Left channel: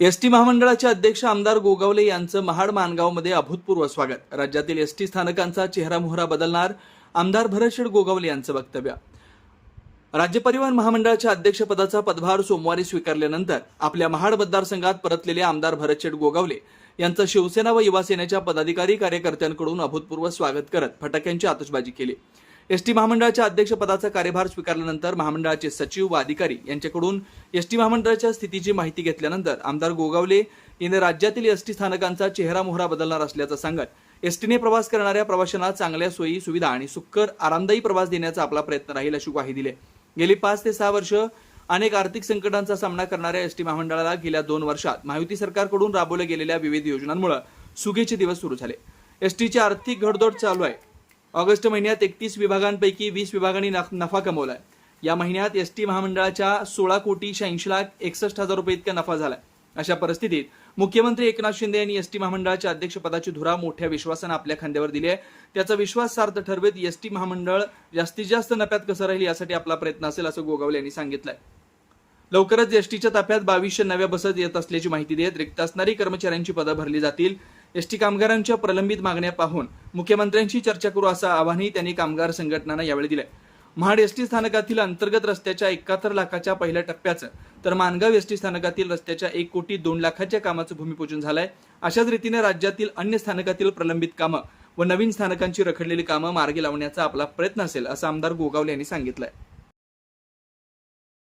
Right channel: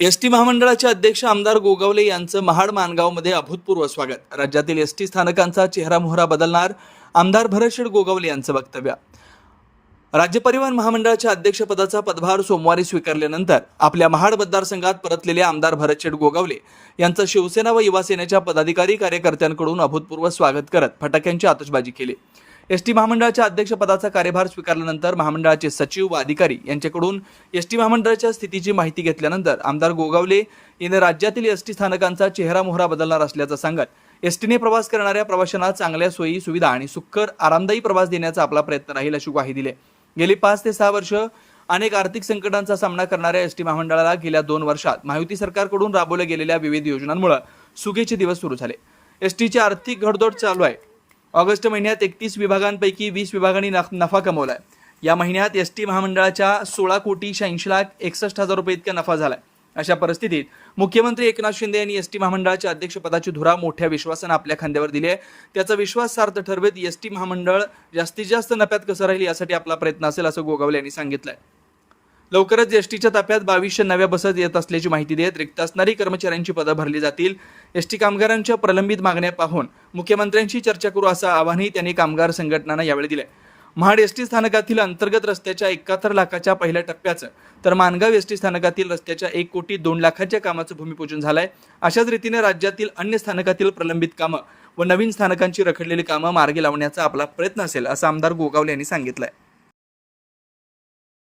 S T महामंडळाचे अध्यक्ष आमदार गोगावले यांचं महाड मानगावमध्ये अभूतपूर्व स्वागत. राज्यातील एस टी स्थानकांचा चेहरामोहरा बदलणार आमदार भरतशेठ गोगावले यांचं वक्तव्य. राज्य परिवहन महामंडळाच्या अध्यक्षपदाचा पदभार सोमवारी स्वीकारल्यानंतर आपल्या महाड मतदारसंघात परतलेले आमदार भरतशेठ गोगावले यांचं शिवसेना व युवासेनेच्या पदाधिकारी कार्यकर्त्यांकडून अभूतपूर्व स्वागत करत फटाक्यांची आतषबाजी केली. एस टी महामंडळाच्या अध्यक्षपदाचा कार्यभार स्वीकारल्यानंतर महामंडळाचे सचिव व अधिकारी यांच्याकडून एस टी महामंडळाच्या स्थितीची माहिती घेतल्यानंतर आमदार गोगावले यांनी राज्यातील एस टी स्थानकांचा चेहरा मोहरा बदलणार असल्याचं सांगत एस टीने प्रवास करणाऱ्या प्रवाशांना चांगल्या सोयी सुविधा आणि सुक्कर आरामदायी प्रवास देण्याचा आपला प्रयत्न राहील अशी ग्वाही दिली. गेली पाच ते सहा वर्ष अनेक आर्थिक संकटांचा सामना करणाऱ्या एस टी महामंडळाला गेल्या दोन वर्षात महायुती सरकारकडून राबवल्या गेलेल्या विविध योजनांमुळे सुगीचे दिवस सुरू झाले. एस टीची आर्थिक घडदोड चालू आहे. ऑगस्ट महिन्यात एकतीस विभागांपैकी वीस विभागांनी नफ- नफा कमवलाय. या महिन्यात एस टी महामंडळाच्या सोळा कोटी शहाऐंशी लाख एकसष्ट हजार रुपये इतका नफा झालाय. अशा परिस्थितीत मुख्यमंत्री एकनाथ शिंदे यांनी एस टी महामंडळाच्या अध्यक्षपदाची धुरा मोठ्या विश्वासानं आपल्या खांद्यावर दिली आहे. त्याचा विश्वास सार्थ ठरवत एस टी महामंडळ जास्तीत जास्त नफ्यात कसं राहील यासाठी आपला प्रयत्न असेल असं गोगावले यांनी सांगितलंय. लवकरच एसटीच्या ताफ्यात बावीसशे नव्या बसेस येत असल्याची माहिती देत रिक्त असणारी कर्मचाऱ्यांची पदं भरली जातील. एसटी कामगारांच्या प्रलंबित मागण्या पाहून मुख्यमंत्र्यांशी चर्चा करू असं आवाहनही त्यांनी कामगार संघटनांना यावेळी दिलंय. महाड एसटी स्थानकातील अंतर्गत रस्त्याच्या एकाहत्तर लाखाच्या पहिल्या टप्प्याचं तर मानगाव एसटी स्थानकातील रस्त्याच्या एक कोटी दोन लाखाच्या कामाचं भूमिपूजन झालंय. अशाच रीतीने राज्यातील अन्य स्थानकातील प्रलंबित कामं व नवीन स्थानकांची रखडलेली कामं मार्गी लावण्याचा आपला प्रयत्न असेल असं आमदार गोगावले यांनी सांगितलं आहे